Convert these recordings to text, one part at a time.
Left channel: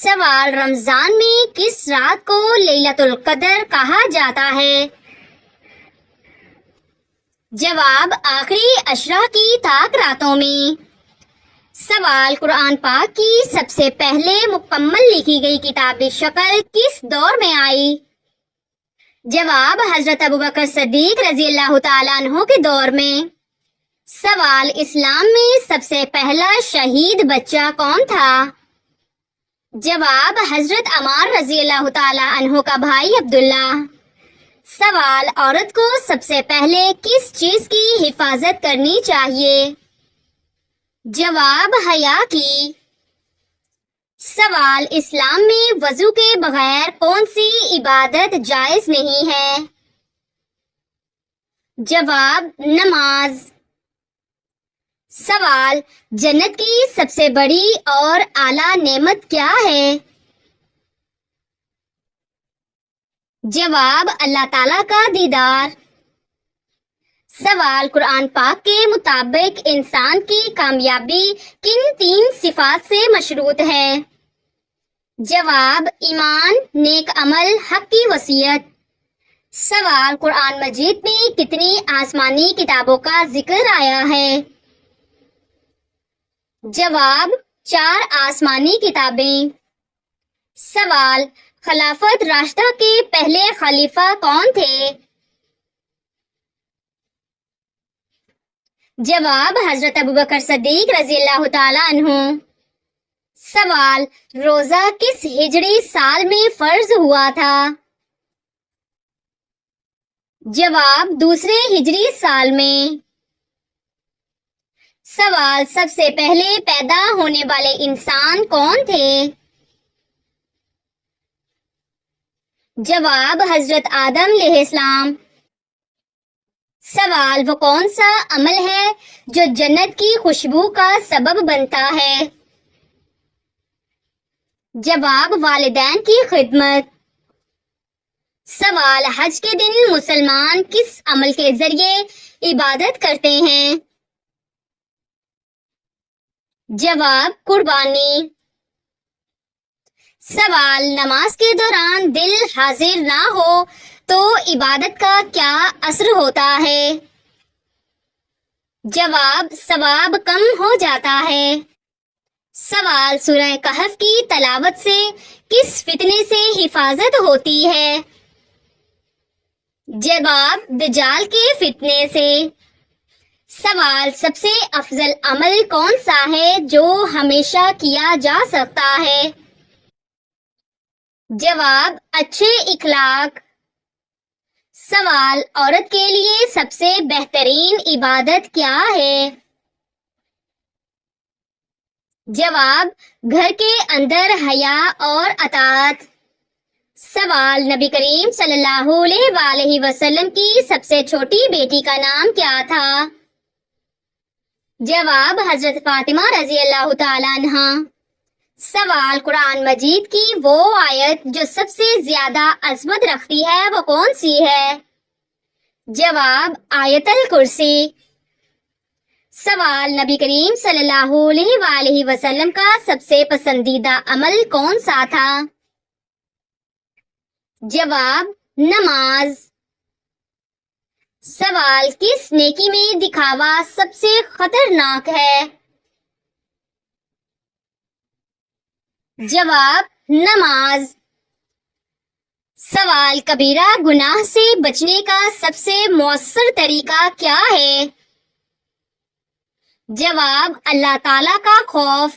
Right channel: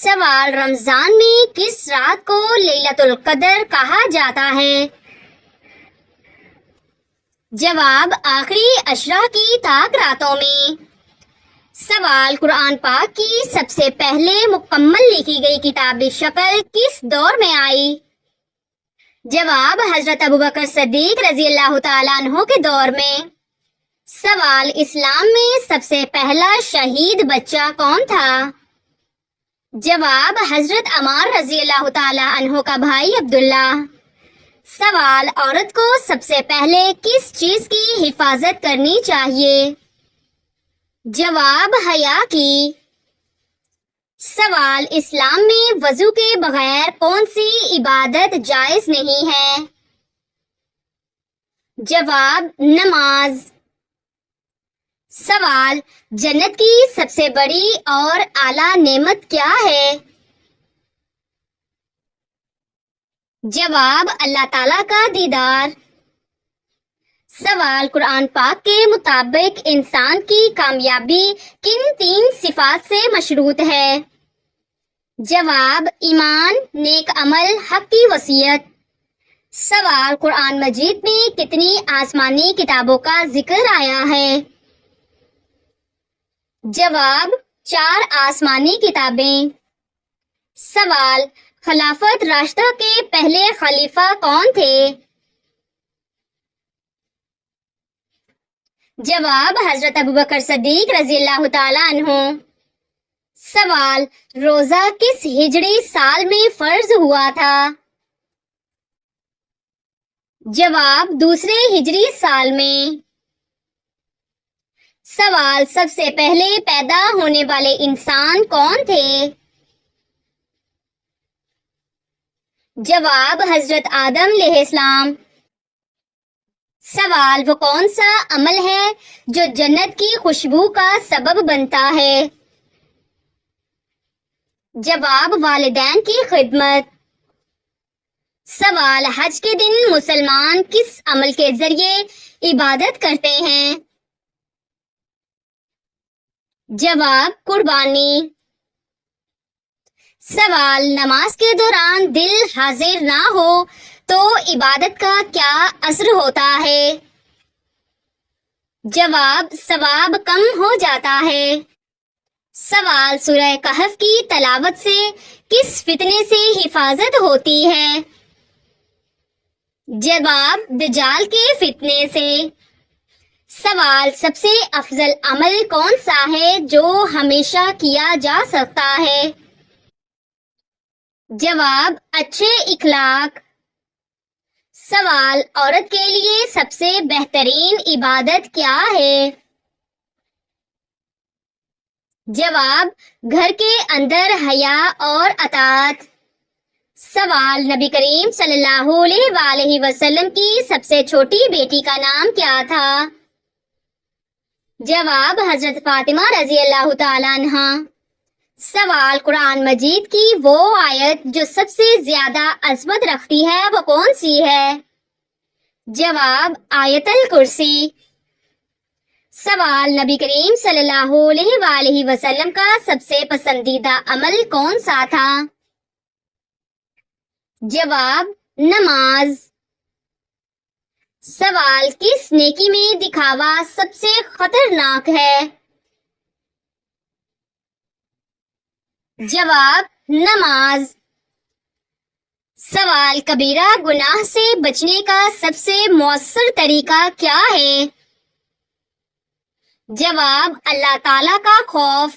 سوال: رمضان میں کس رات کو لیلۃ القدر کہا جاتا ہے؟ جواب: آخری عشرہ کی طاق راتوں میں۔ سوال: قرآن پاک کی سب سے پہلے مکمل لکھی گئی کتابی شکل کس دور میں آئی؟ جواب: حضرت ابوبکر صدیق رضی اللہ تعالیٰ عنہ کے دور میں۔ سوال: اسلام میں سب سے پہلا شہید بچہ کون تھا؟ جواب: حضرت عمار رضی اللہ تعالیٰ عنہ کا بھائی عبداللہ۔ سوال: عورت کو سب سے پہلے کس چیز کی حفاظت کرنی چاہیے؟ جواب: حیا کی۔ سوال: اسلام میں وضو کے بغیر کون سی عبادت جائز نہیں ہے؟ جواب: نماز۔ سوال: جنت کی سب سے بڑی اور اعلیٰ نعمت کیا ہے؟ جواب: اللہ تعالیٰ کا دیدار۔ سوال: قرآن پاک کے مطابق انسان کی کامیابی کن 3 صفات سے مشروط ہے؟ جواب: ایمان، نیک عمل، حق کی وصیت۔ سوال: قرآن مجید میں کتنی آسمانی کتابوں کا ذکر آیا ہے؟ جواب: 4 آسمانی کتابیں۔ سوال: خلافت راشدہ کے پہلے خلیفہ کون تھے؟ جواب: حضرت ابوبکر صدیق رضی اللہ تعالیٰ عنہ۔ سوال: روزہ کس ہجری سال میں فرض ہوا تھا؟ جواب: دوسرے ہجری سال میں۔ سوال: سب سے پہلے پیدا ہونے والے انسان کون تھے؟ جواب: حضرت آدم علیہ السلام۔ سوال: وہ کون سا عمل ہے جو جنت کی خوشبو کا سبب بنتا ہے؟ جواب: والدین کی خدمت۔ سوال: حج کے دن مسلمان کس عمل کے ذریعے عبادت کرتے ہیں؟ جواب: قربانی۔ سوال: نماز کے دوران دل حاضر نہ ہو تو عبادت کا کیا اثر ہوتا ہے؟ جواب: ثواب کم ہو جاتا ہے۔ سوال: سورہ کہف کی تلاوت سے کس فتنے سے حفاظت ہوتی ہے؟ جواب: دجال کے فتنے سے۔ سوال: سب سے افضل عمل کون سا ہے جو ہمیشہ کیا جا سکتا ہے؟ جواب: اچھے اخلاق۔ سوال: عورت کے لیے سب سے بہترین عبادت کیا ہے؟ جواب: گھر کے اندر حیا اور اطاعت۔ سوال: نبی کریم صلی اللہ علیہ وآلہ وسلم کی سب سے چھوٹی بیٹی کا نام کیا تھا؟ جواب: حضرت فاطمہ رضی اللہ تعالیٰ عنہا۔ سوال: قرآن مجید کی وہ آیت جو سب سے زیادہ عظمت رکھتی ہے وہ کون سی ہے؟ جواب: آیت الکرسی۔ سوال: نبی کریم صلی اللہ علیہ وآلہ وسلم کا سب سے پسندیدہ عمل کون سا تھا؟ جواب: نماز۔ سوال: کس نیکی میں دکھاوا سب سے خطرناک ہے؟ جواب: نماز۔ سوال: کبیرہ گناہ سے بچنے کا سب سے مؤثر طریقہ کیا ہے؟ جواب: اللہ تعالیٰ کا خوف۔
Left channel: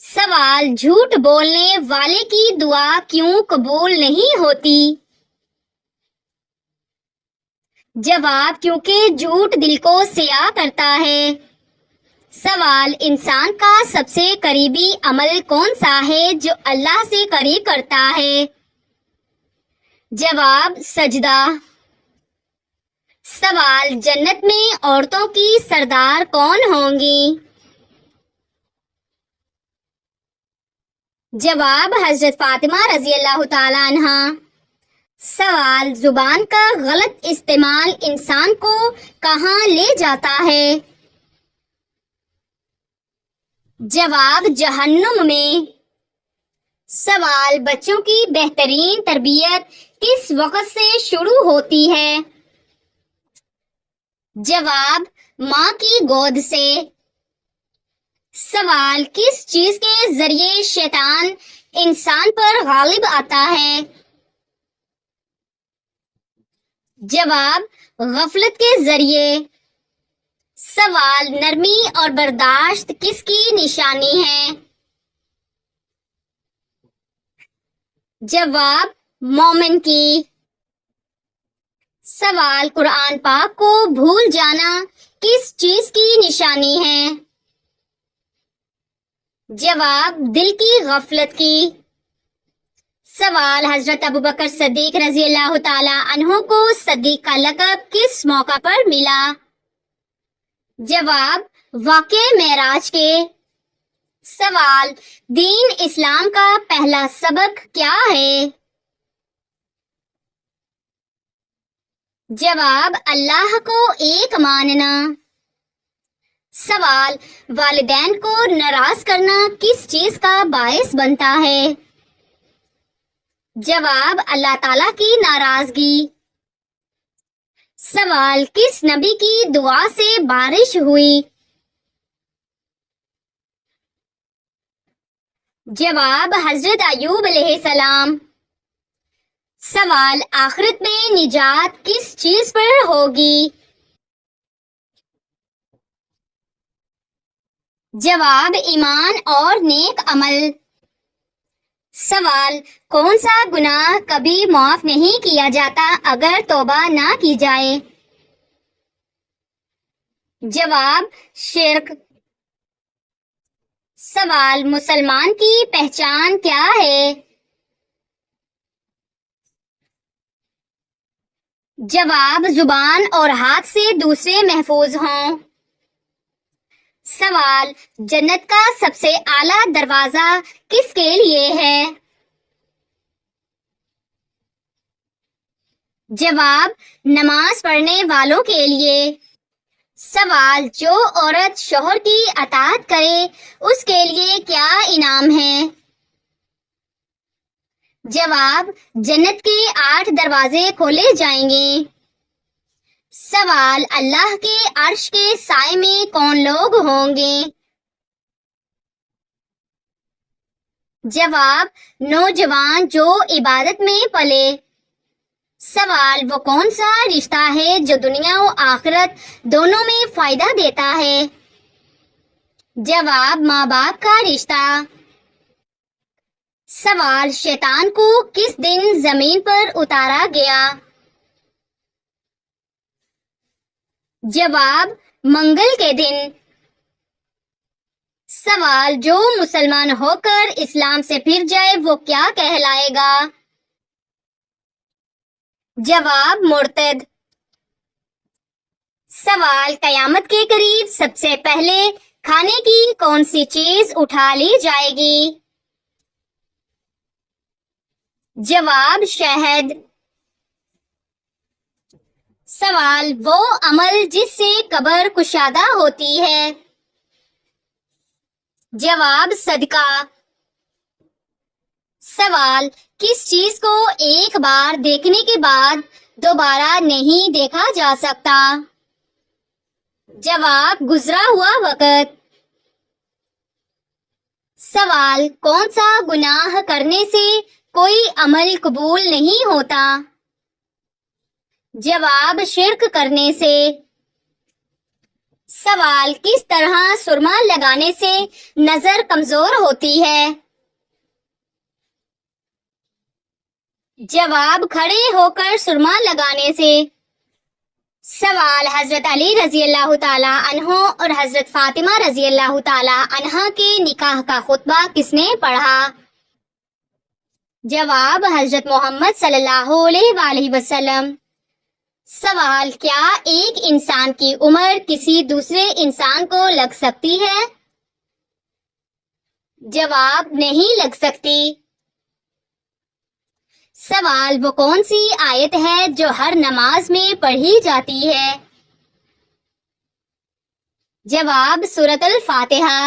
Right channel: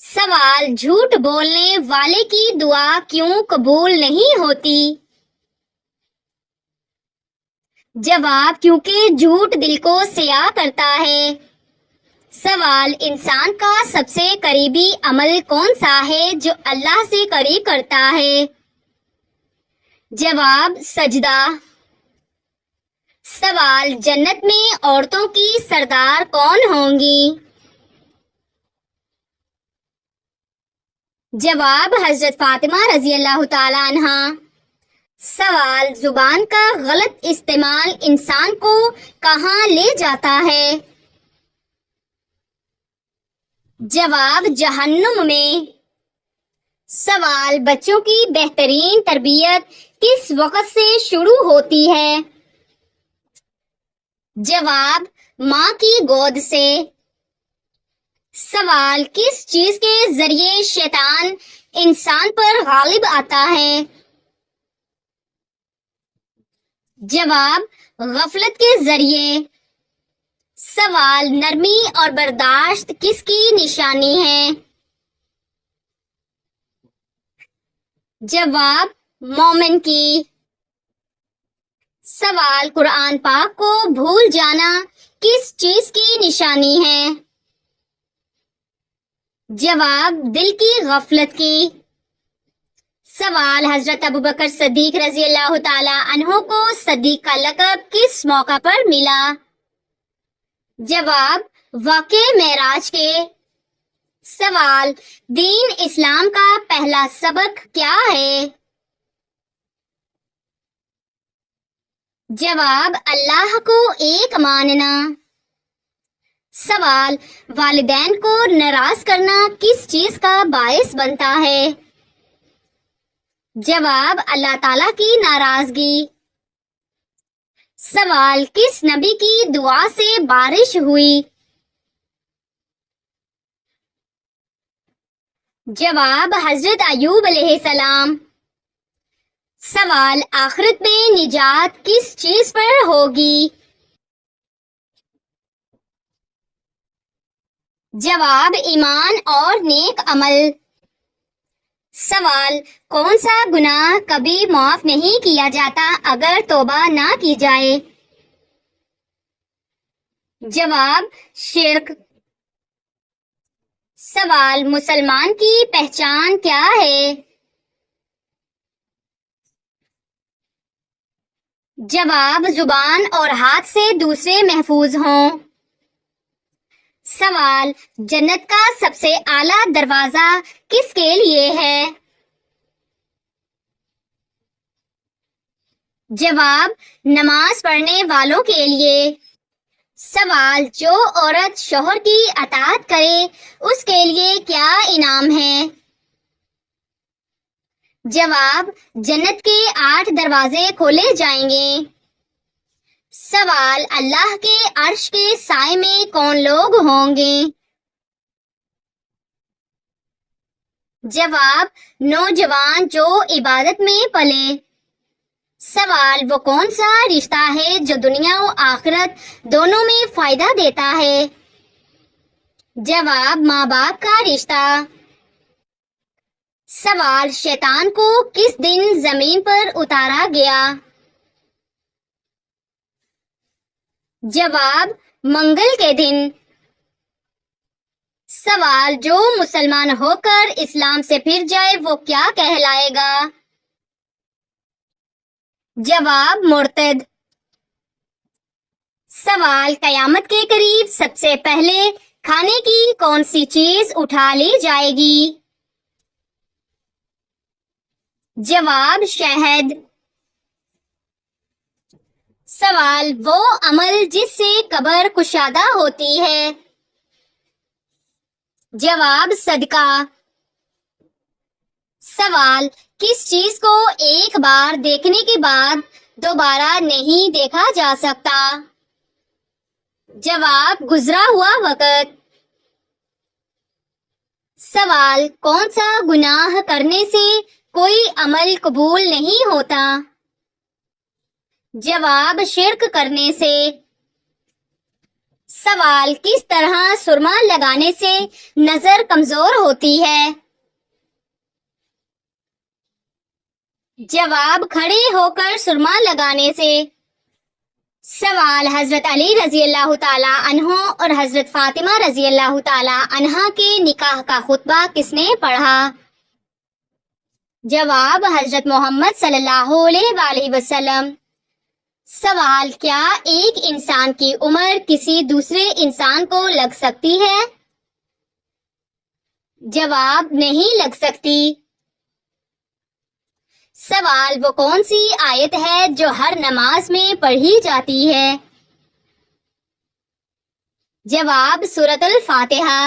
سوال: جھوٹ بولنے والے کی دعا کیوں قبول نہیں ہوتی؟ جواب: کیونکہ جھوٹ دل کو سیاہ کرتا ہے۔ سوال: انسان کا سب سے قریبی عمل کون سا ہے جو اللہ سے قریب کرتا ہے؟ جواب: سجدہ۔ سوال: جنت میں عورتوں کی سردار کون ہوں گی؟ جواب: حضرت فاطمہ رضی اللہ تعالیٰ عنہا۔ سوال: زبان کا غلط استعمال انسان کو کہاں لے جاتا ہے؟ جواب: جہنم میں۔ سوال: بچوں کی بہترین تربیت کس وقت سے شروع ہوتی ہے؟ جواب: ماں کی گود سے۔ سوال: کس چیز کے ذریعے شیطان انسان پر غالب آتا ہے؟ جواب: غفلت کے ذریعے۔ سوال: نرمی اور برداشت کس کی نشانی ہے؟ جواب: مومن کی۔ سوال: قرآن پاک کو بھول جانا کس چیز کی نشانی ہے؟ جواب: دل کی غفلت کی۔ سوال: حضرت ابوبکر صدیق رضی اللہ تعالی عنہ کو صدیق کا لقب کس موقع پر ملا؟ جواب: واقعہ معراج کے۔ سوال: دین اسلام کا پہلا سبق کیا ہے؟ جواب: اللہ کو ایک ماننا۔ سوال: والدین کو ناراض کرنا کس چیز کا باعث بنتا ہے؟ جواب: اللہ تعالیٰ کی ناراضگی۔ سوال: کس نبی کی دعا سے بارش ہوئی؟ جواب: حضرت ایوب علیہ السلام۔ سوال: آخرت میں نجات کس چیز پر ہوگی؟ جواب: ایمان اور نیک عمل۔ سوال: کون سا گناہ کبھی معاف نہیں کیا جاتا اگر توبہ نہ کی جائے؟ جواب: شرک۔ سوال: مسلمان کی پہچان کیا ہے؟ جواب: زبان اور ہاتھ سے دوسرے محفوظ ہوں۔ سوال: جنت کا سب سے اعلیٰ دروازہ کس کے لیے ہے؟ جواب: نماز پڑھنے والوں کے لیے۔ سوال: جو عورت شوہر کی اطاعت کرے اس کے لیے کیا انعام ہے؟ جواب: جنت کے 8 دروازے کھولے جائیں گے۔ سوال: اللہ کے عرش کے سائے میں کون لوگ ہوں گے؟ جواب: نوجوان جو عبادت میں پلے۔ سوال: وہ کون سا رشتہ ہے جو دنیا و آخرت دونوں میں فائدہ دیتا ہے؟ جواب: ماں باپ کا رشتہ۔ سوال: شیطان کو کس دن زمین پر اتارا گیا؟ جواب: منگل کے دن۔ سوال: جو مسلمان ہو کر اسلام سے پھر جائے وہ کیا کہلائے گا؟ جواب: مرتد۔ سوال: قیامت کے قریب سب سے پہلے کھانے کی کون سی چیز اٹھا لی جائے گی؟ جواب: شہد۔ سوال: وہ عمل جس سے قبر کشادہ ہوتی ہے؟ جواب: صدقہ۔ سوال: کس چیز کو ایک بار دیکھنے کے بعد دوبارہ نہیں دیکھا جا سکتا؟ جواب: گزرا ہوا وقت۔ سوال: کون سا گناہ کرنے سے کوئی عمل قبول نہیں ہوتا؟ جواب: شرک کرنے سے۔ سوال: کس طرح سرما لگانے سے نظر کمزور ہوتی ہے؟ جواب: کھڑے ہو کر سرما لگانے سے۔ سوال: حضرت علی رضی اللہ تعالی عنہ اور حضرت فاطمہ رضی اللہ تعالی عنہا کے نکاح کا خطبہ کس نے پڑھا؟ جواب: حضرت محمد صلی اللہ علیہ وآلہ وسلم۔ سوال: کیا ایک انسان کی عمر کسی دوسرے انسان کو لگ سکتی ہے؟ جواب: نہیں لگ سکتی۔ سوال: وہ کون سی آیت ہے جو ہر نماز میں پڑھی جاتی ہے؟ جواب: سورۃ الفاتحہ۔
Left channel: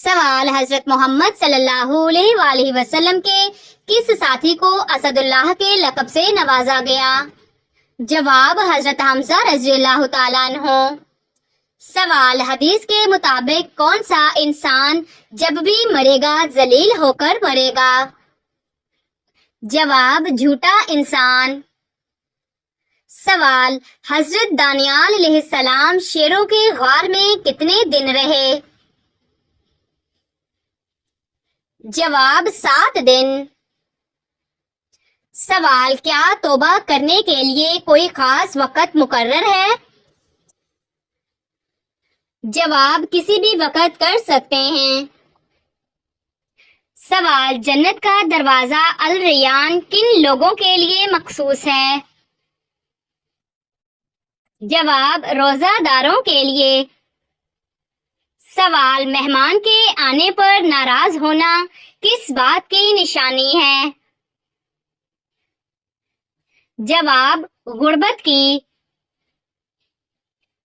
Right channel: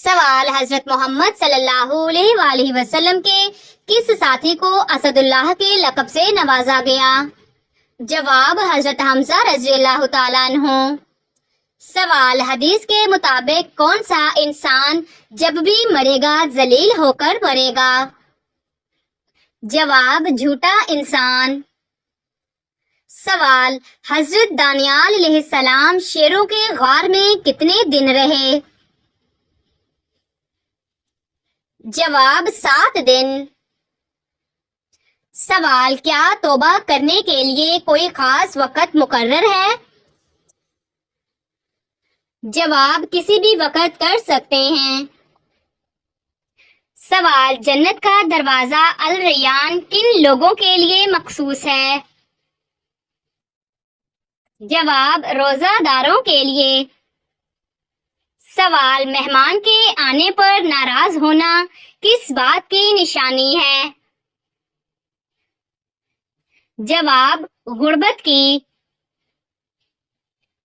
سوال حضرت محمد صلی اللہ علیہ وآلہ وسلم کے کس ساتھی کو اسد اللہ کے لقب سے نوازا گیا؟ جواب حضرت حمزہ رضی اللہ تعالیٰ عنہ۔ سوال حدیث کے مطابق کون سا انسان جب بھی مرے گا ذلیل ہو کر مرے گا؟ جواب جھوٹا انسان۔ سوال حضرت دانیال علیہ السلام شیروں کے غار میں کتنے دن رہے؟ جواب 7 دن۔ سوال کیا توبہ کرنے کے لیے کوئی خاص وقت مقرر ہے؟ جواب کسی بھی وقت کر سکتے ہیں۔ سوال جنت کا دروازہ الریان کن لوگوں کے لیے مخصوص ہے؟ جواب روزہ داروں کے لیے۔ سوال مہمان کے آنے پر ناراض ہونا کس بات کی نشانی ہے؟ جواب غربت کی۔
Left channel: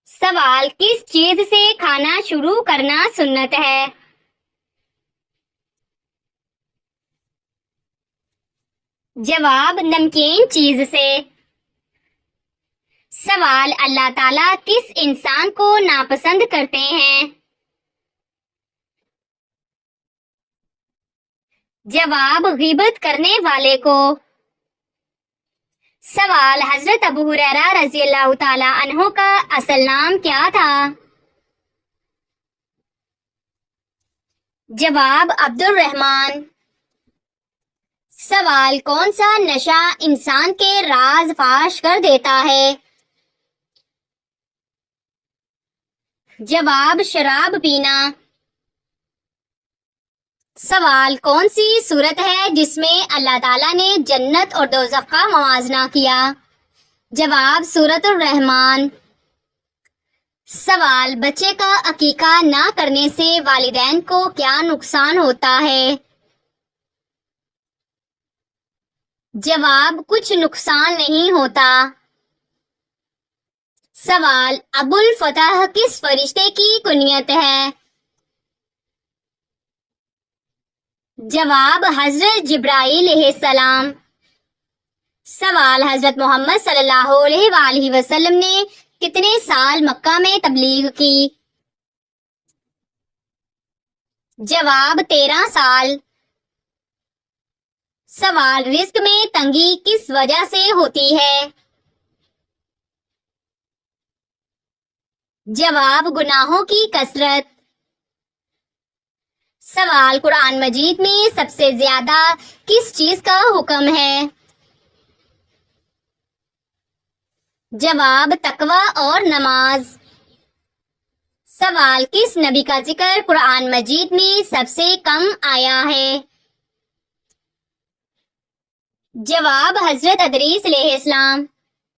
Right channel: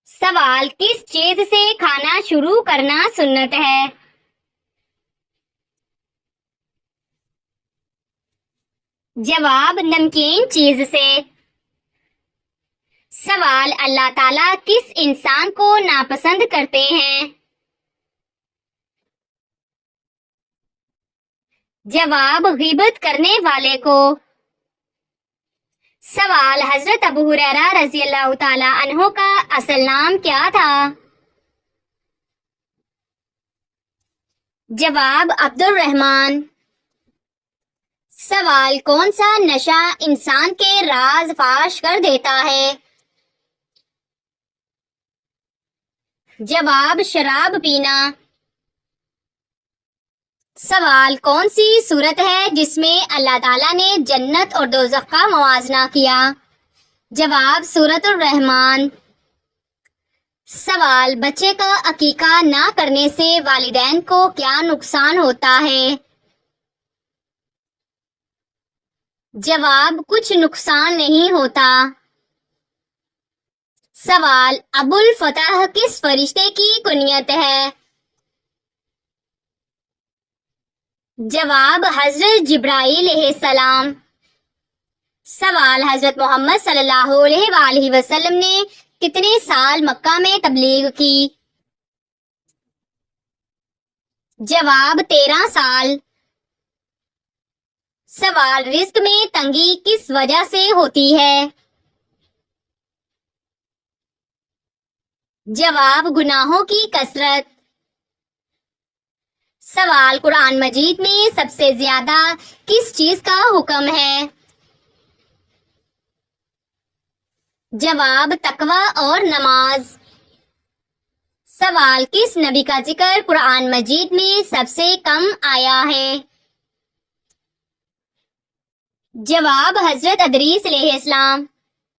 سوال کس چیز سے کھانا شروع کرنا سنت ہے؟ جواب نمکین چیز سے۔ سوال اللہ تعالیٰ کس انسان کو ناپسند کرتے ہیں؟ جواب غیبت کرنے والے کو۔ سوال حضرت ابو ہریرہ رضی اللہ تعالیٰ عنہ کا اصل نام کیا تھا؟ جواب عبد الرحمن۔ سوال کون سا نشہ انسان کے راز فاش کر دیتا ہے؟ جواب شراب پینا۔ سوال کون سی صورت ہے جس میں اللہ تعالیٰ نے جنت اور دوزخ کا موازنہ کیا؟ جواب سورۃ الرحمن۔ سوال بچے کا عقیقہ نہ کرنے سے والدین کو کیا نقصان ہوتا ہے؟ جواب کچھ نقصان نہیں ہوتا۔ سوال ابو الفتح کس فرشتے کی کنیت ہے؟ جواب حضرت جبرائیل علیہ السلام۔ سوال حضرت محمد صلی اللہ علیہ وآلہ وسلم نے کتنے سال مکہ میں تبلیغ کی؟ جواب 13 سال۔ سوال رزق میں تنگی کس وجہ سے ہوتی ہے؟ جواب گناہوں کی کثرت۔ سوال قرآن مجید میں سب سے زیادہ کس چیز کا حکم ہے؟ جواب تقوی اور نماز۔ سوال کس نبی کا ذکر قرآن مجید میں سب سے کم آیا ہے؟ جواب حضرت ادریس علیہ السلام۔